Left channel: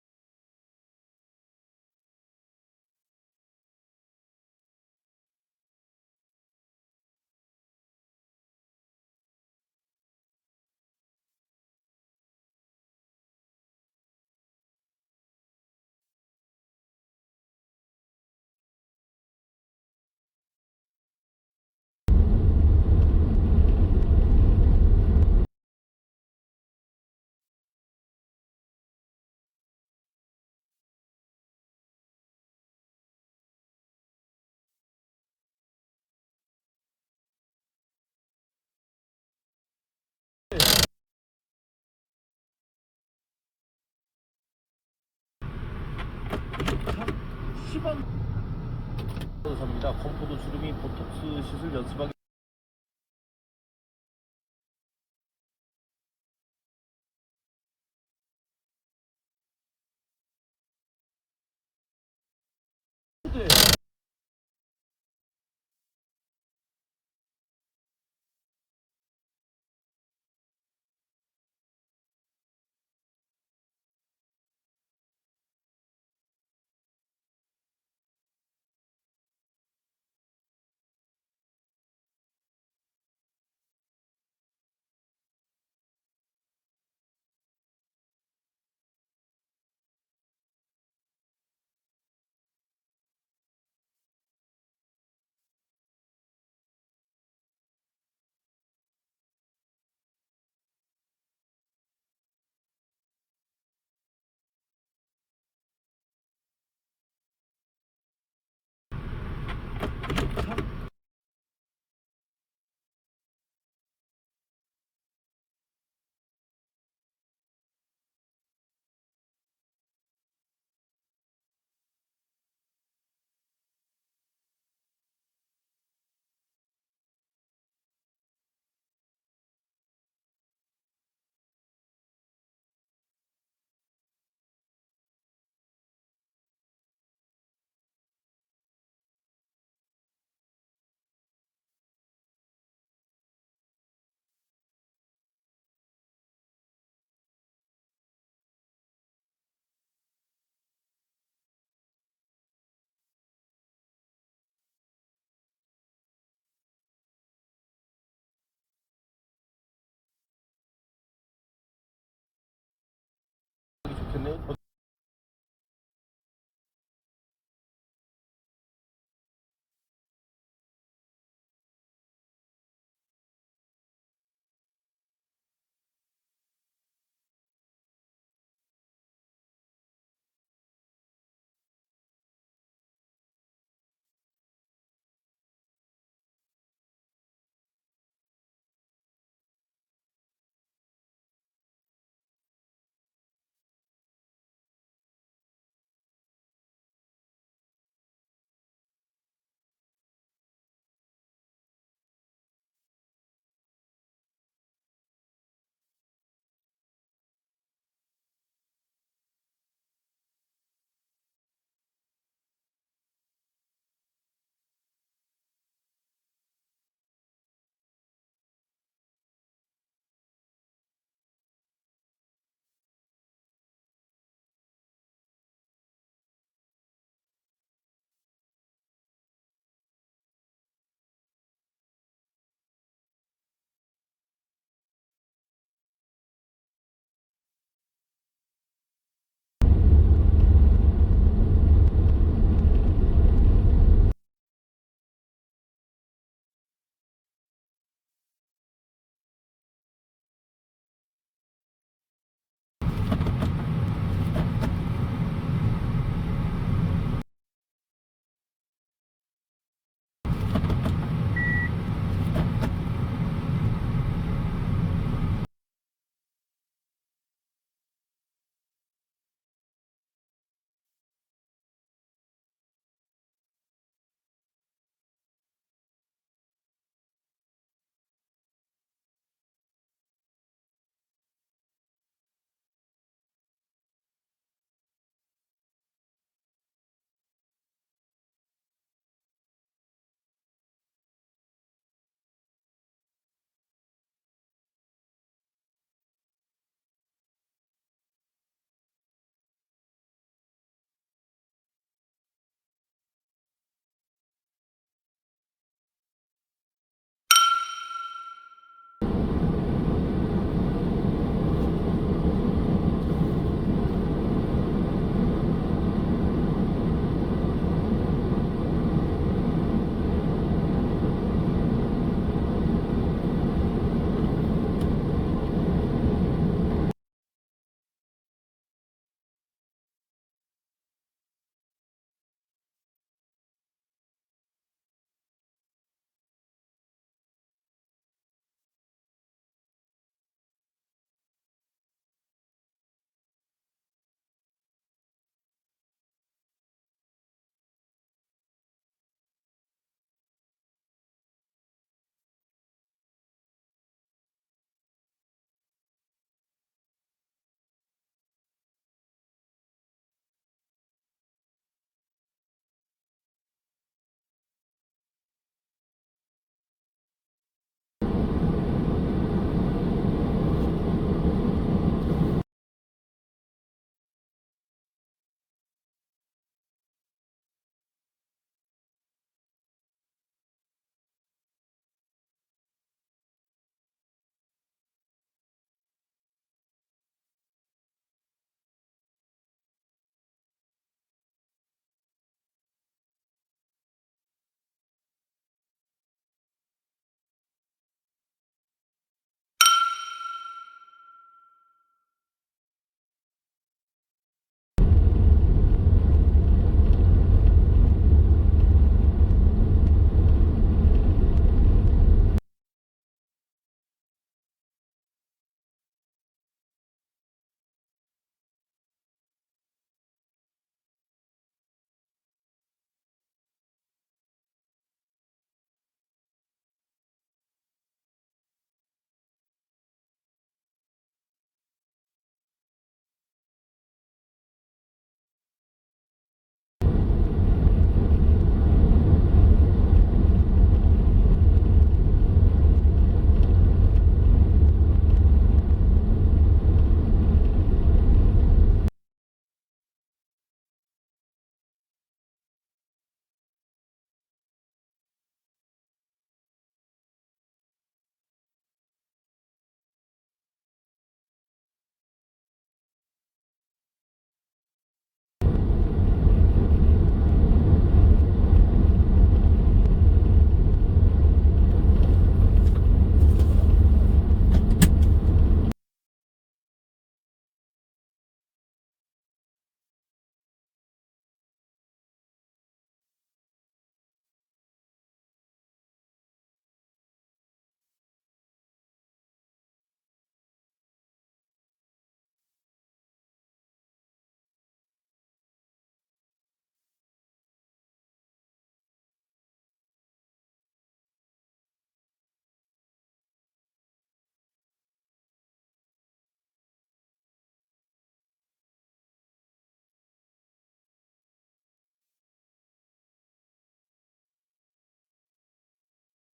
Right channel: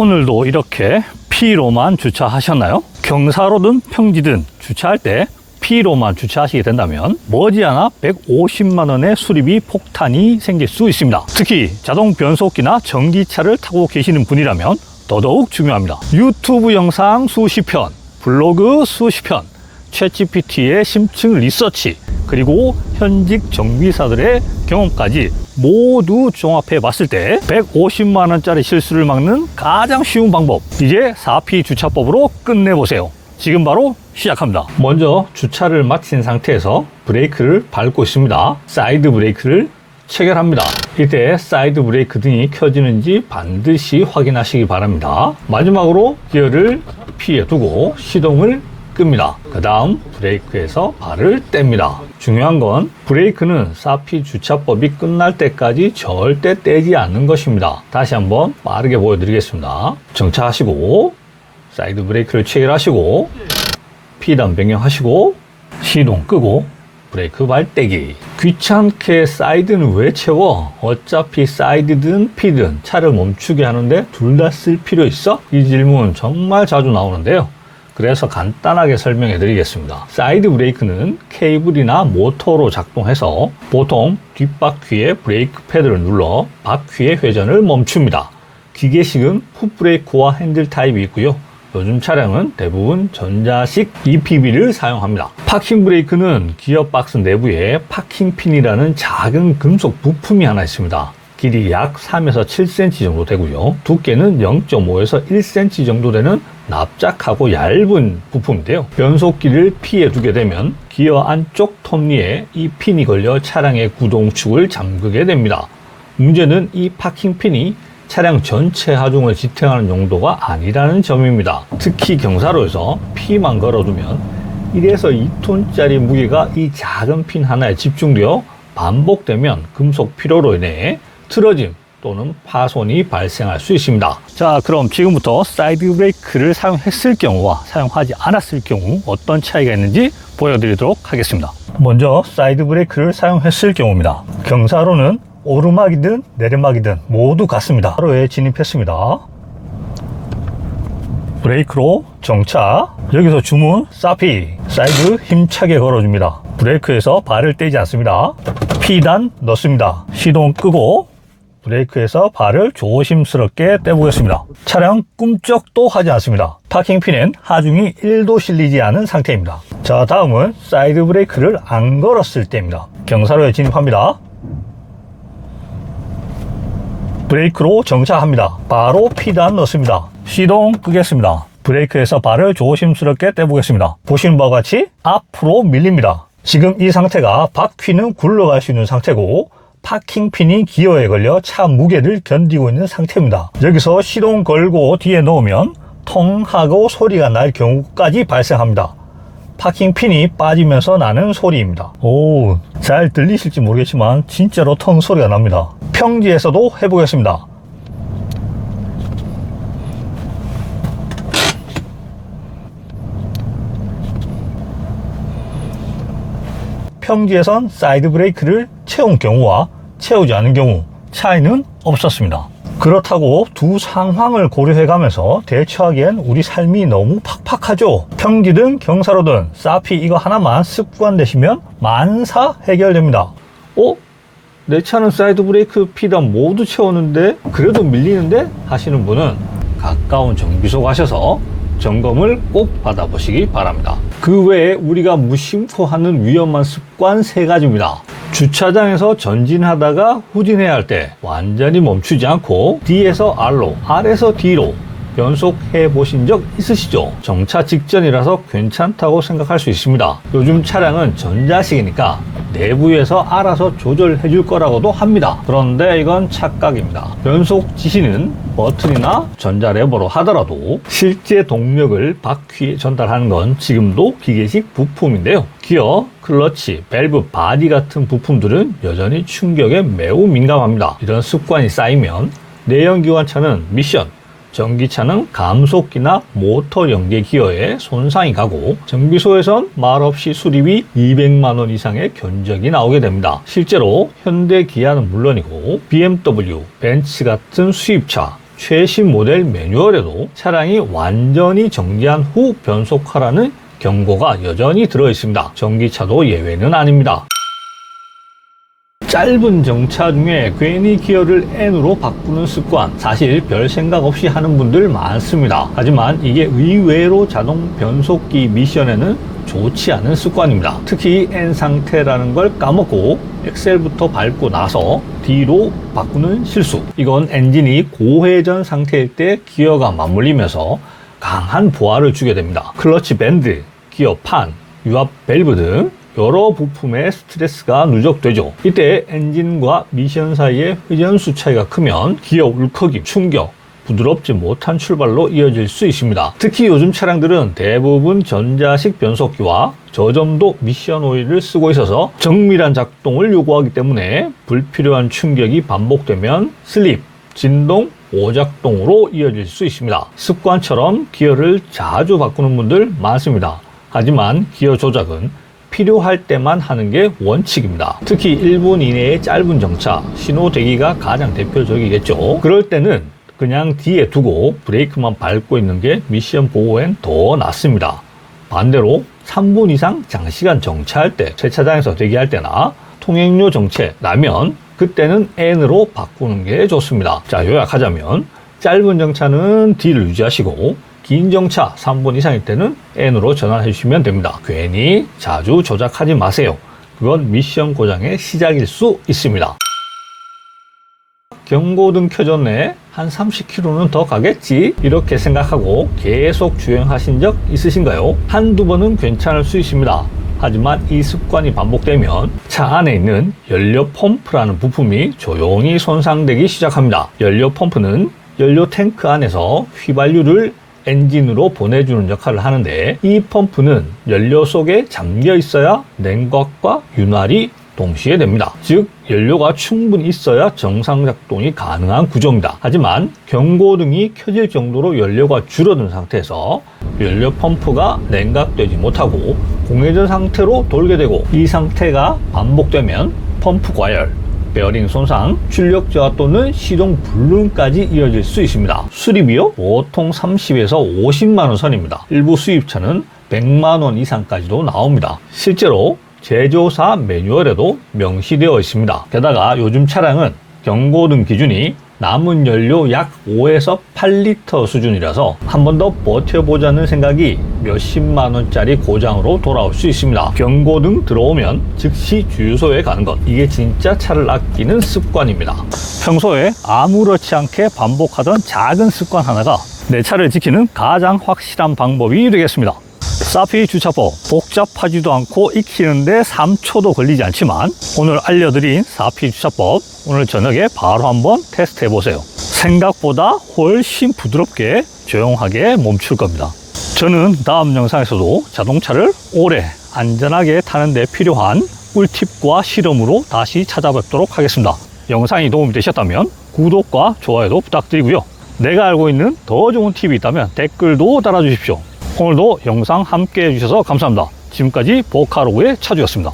오늘도 이렇게 P로만 주차하셨나요? 경사로든 평지든 주차할 때 P로만 주차하시게 된다면 머지않아 150만원의 수리비 폭탄이 생길 수 있습니다. 특히 자동 변속기나 전기차를 타고 계시는 분이라면 더더욱 중요합니다. 유튜브 영상 수십 편, 블로그 수십 편, 챗GPT의 심층 리서치, 그리고 현직 정비사들의 경험까지 모두 종합해 봤을 때 150만원짜리 실수를 막는 가장 쉬운 방법, 이제 4P 주차법으로 끝내보세요. 지금 바로 시작합니다. 먼저 주차를 마친 상태에서 브레이크를 밟고 있습니다. 사이드 브레이크를 체결합니다. 이때 사이드 브레이크 등이 켜지는지 반드시 확인하시기 바랍니다. 마지막으로 기어를 P에 두고 시동을 끕니다. 그 다음 브레이크에서 발을 뗍니다. 중요한 건 브레이크는 4P 주차법이 끝날 때까지 절대 떼지 않는 것입니다. 다시 한번 빠르게 보여드리겠습니다. 정차하시고 사이드 브레이크를 체결하시고 P단 변경하시고 시동 끄고 브레이크 발 떼기. 귀찮게 사이드는 왜 채워? 어차피 사이드든 P든 차를 멈추게 하는데 둘 다 쓸 필요 있어? 이 질문 정말 자주 나오는데요. 그래서 간단하게 설명해 드리겠습니다. 사이드 브레이크는 케이블이나 모터로 작동해서 보통 뒷바퀴에 브레이크 패드를 눌러 바퀴의 회전을 멈춥니다. 기계식은 풋브레이크와 핸들 타입이 있고요. 요즘 차량은 대부분 전자식 EPB를 사용합니다. 파킹 브레이크는 기어박스 내부에 파킹핀이라는 작은 금속 부품이 하나 있습니다. 길이 약 3에서 7cm 정도 되고요. 두께는 0.5에서 1cm 정도 되는 납작하고 얇은 부품인데요. 변속기를 P에 두게 되면 기어 안쪽 톱니에 이 핀이 걸려 차량의 구동축을 잠그게 됩니다. 문제는 이 파킹핀이 차량 전체 하중을 지탱하는 용도가 아니라는 점입니다. 특히 경사로에서 P만 걸어두면 1에서 2톤짜리 무게가 이 작은 핀 하나에 집중되어 반복되면 금속 피로로 인해 틀어짐 또는 파손이 발생할 수 있습니다. 자, 그럼 지금부터 사이드 브레이크를 사용했을 경우와 사용하지 않았을 경우 어떤 차이가 있는지 보여드리도록 하겠습니다. 먼저 사이드 브레이크를 사용했을 경우입니다. 경사로는 오르막이든 내리막이든 모두 같습니다. 바로에 진입했습니다. 브레이크로 정차. 여기서 주문 4P 사이드 힘차게 걸어줍니다. 브레이크에서 발을 떼지 않습니다. P단 넣습니다. 시동 끄고 브레이크에서 발을 조심스럽게 떼보겠습니다. 차량 꿈쩍도 하지 않습니다. 파킹핀엔 하중이 1도 실리지 않은 상태입니다. 자, 다음은 사이드 브레이크를 안 걸었을 때입니다. 경사로에 진입합니다. 브레이크로 정차합니다. 바로 P단 넣습니다. 시동 끄겠습니다. 브레이크에서 발을 조심스럽게 떼보겠습니다. 보시는 바와 같이 앞으로 밀립니다. 지금 이 상태가 바퀴는 굴러갈 수 있는 상태고 파킹핀이 기어에 걸려 차 무게를 견디고 있는 상태입니다. 여기서 시동 걸고 뒤에 넣으면 통 하고 소리가 날 경우까지 발생합니다. 파킹핀이 빠지면서 나는 소리입니다. 오, 잘 들리실지 모르겠지만 진짜로 통 소리가 납니다. 평지에서도 해보겠습니다. 평지에선 사이드 브레이크를 채운 경우와 채우지 않은 경우 차이는 없었습니다. 그렇다고 두 상황을 고려해가면서 대처하기엔 우리 삶이 너무 팍팍하죠. 평지든 경사로든 4P 이거 하나만 습관되시면 만사 해결됩니다. 내 차는 사이드 브레이크 P단 모두 채웠는데 그래도 밀리는데 하시는 분은 가까운 정비소 가셔서 점검을 꼭 받아보시기 바랍니다. 그 외에 우리가 무심코 하는 위험한 습관 3가지입니다. 주차장에서 전진하다가 후진해야 할 때 완전히 멈추지 않고 D에서 R로, R에서 D로 변속해 보신 적 있으시죠? 정차 직전이라서 괜찮다고 생각할 수 있습니다. 요즘 차량은 전자식이니까 내부에서 알아서 조절해 줄 거라고도 합니다. 그런데 이건 착각입니다. 변속 지시는 버튼이나 전자레버로 하더라도 실제 동력을 바퀴에 전달하는 건 지금도 기계식 부품인데요. 기어, 클러치, 밸브, 바디 같은 부품들은 여전히 충격에 매우 민감합니다. 이런 습관이 쌓이면 내연기관차는 미션, 전기차는 감속기나 모터 연계 기어에 손상이 가고 정비소에선 말없이 수리비 200만원 이상의 견적이 나오게 됩니다. 실제로 현대 기아는 물론이고 BMW, 벤츠 같은 수입차, 최신 모델 매뉴얼에도 차량이 완전히 정지한 후 변속하라는 경고가 여전히 들어있습니다. 전기차도 예외는 아닙니다. 짧은 정차 중에 괜히 기어를 N으로 바꾸는 습관, 사실 별 생각 없이 하는 분들 많습니다. 하지만 이게 의외로 자동 변속기 미션에는 좋지 않은 습관입니다. 특히 N 상태라는 걸 까먹고 엑셀부터 밟고 나서 D로 바꾸는 실수. 이건 엔진이 고회전 상태일 때 기어가 맞물리면서 강한 부하를 주게 됩니다. 클러치 밴드, 기어판, 유압 밸브 등 여러 부품에 스트레스가 누적되죠. 이때 엔진과 미션 사이의 회전수 차이가 크면 기어 울컥임, 충격, 부드럽지 못한 출발로 이어질 수 있습니다. 특히 요즘 차량들은 대부분 전자식 변속기와 저점도 미션 오일을 쓰고 있어서 정밀한 작동을 요구하기 때문에 불필요한 충격이 반복되면 슬립, 진동, 오작동으로 이어질 수 있습니다. 습관처럼 기어를 자주 바꾸는 분들 많습니다. 하지만 기어 조작은 필요할 때만 하는 게 원칙입니다. 특히 1분 이내의 짧은 정차, 신호 대기가 가장 대표적이겠죠. 그럴 때는 그냥 뒤에 두고 브레이크만 밟고 있는 게 미션 보호엔 더 낫습니다. 반대로 3분 이상 장시간 정차할 때, 세차장에서 대기할 때나 통행료 정체 나면 그때는 N으로 바꾸는 게 좋습니다. 자, 요약하자면 짧은 정차는 D를 유지하시고 긴 정차 3분 이상일 때는 N으로 전환해 주시면 됩니다. 괜히 자주 조작하지 마세요. 그건 미션 고장의 시작일 수 있습니다. 경고등 켜졌네, 한 30km는 더 가겠지, 이렇게 생각하고 계속 주행하신 적 있으신가요? 한두 번은 괜찮을 수 있습니다. 하지만 이 습관이 반복되면 차 안에 있는 연료 펌프라는 부품이 조용히 손상되기 시작합니다. 연료 펌프는 연료 탱크 안에서 휘발유를 엔진으로 보내주는 역할을 하는데, 이 펌프는 연료 속에 잠겨 있어야 냉각과 윤활이 동시에 됩니다. 즉 연료가 충분히 있어야 정상 작동이 가능한 구조입니다. 하지만 경고등이 켜질 정도로 연료가 줄어든 상태에서 연료 펌프가 냉각되지 못하고 공회전 상태로 돌게 되고, 이 상태가 반복되면 펌프 과열, 베어링 손상, 출력 저하 또는 시동 불능까지 이어질 수 있습니다. 수리비요? 보통 30에서 50만 원 선입니다. 일부 수입차는 100만 원 이상까지도 나옵니다. 실제로 제조사 매뉴얼에도 명시되어 있습니다. 게다가 요즘 차량은 경고등 기준이 남은 연료 약 5에서 8리터 수준이라서 한 번 더 버텨보자는 생각이 몇십만 원짜리 고장으로 돌아올 수 있습니다. 경고등 들어오면 즉시 주유소에 가는 것, 이게 진짜 차를 아끼는 습관입니다. 평소에 아무렇지 않게 반복하던 작은 습관 하나가 내 차를 지키는 가장 확실한 방법이 되겠습니다. 사피 주차법, 복잡하지도 않고 익히는데 3초도 걸리지 않지만 오늘 알려드린 사피 주차법, 오늘 저녁에 바로 한번 테스트 해보세요. 생각보다 훨씬 부드럽게 조용하게 멈출 겁니다. 저는 다음 영상에서도 자동차를 오래 안전하게 타는 데 필요한 꿀팁과 실험으로 다시 찾아뵙도록 하겠습니다. 영상이 도움이 되셨다면 구독과 좋아요도 부탁드리고요. 내가 알고 있는 더 좋은 팁이 있다면 댓글도 달아주십시오. 오늘도 영상 함께 해주셔서 감사합니다. 지금까지 보카로그의 차주였습니다.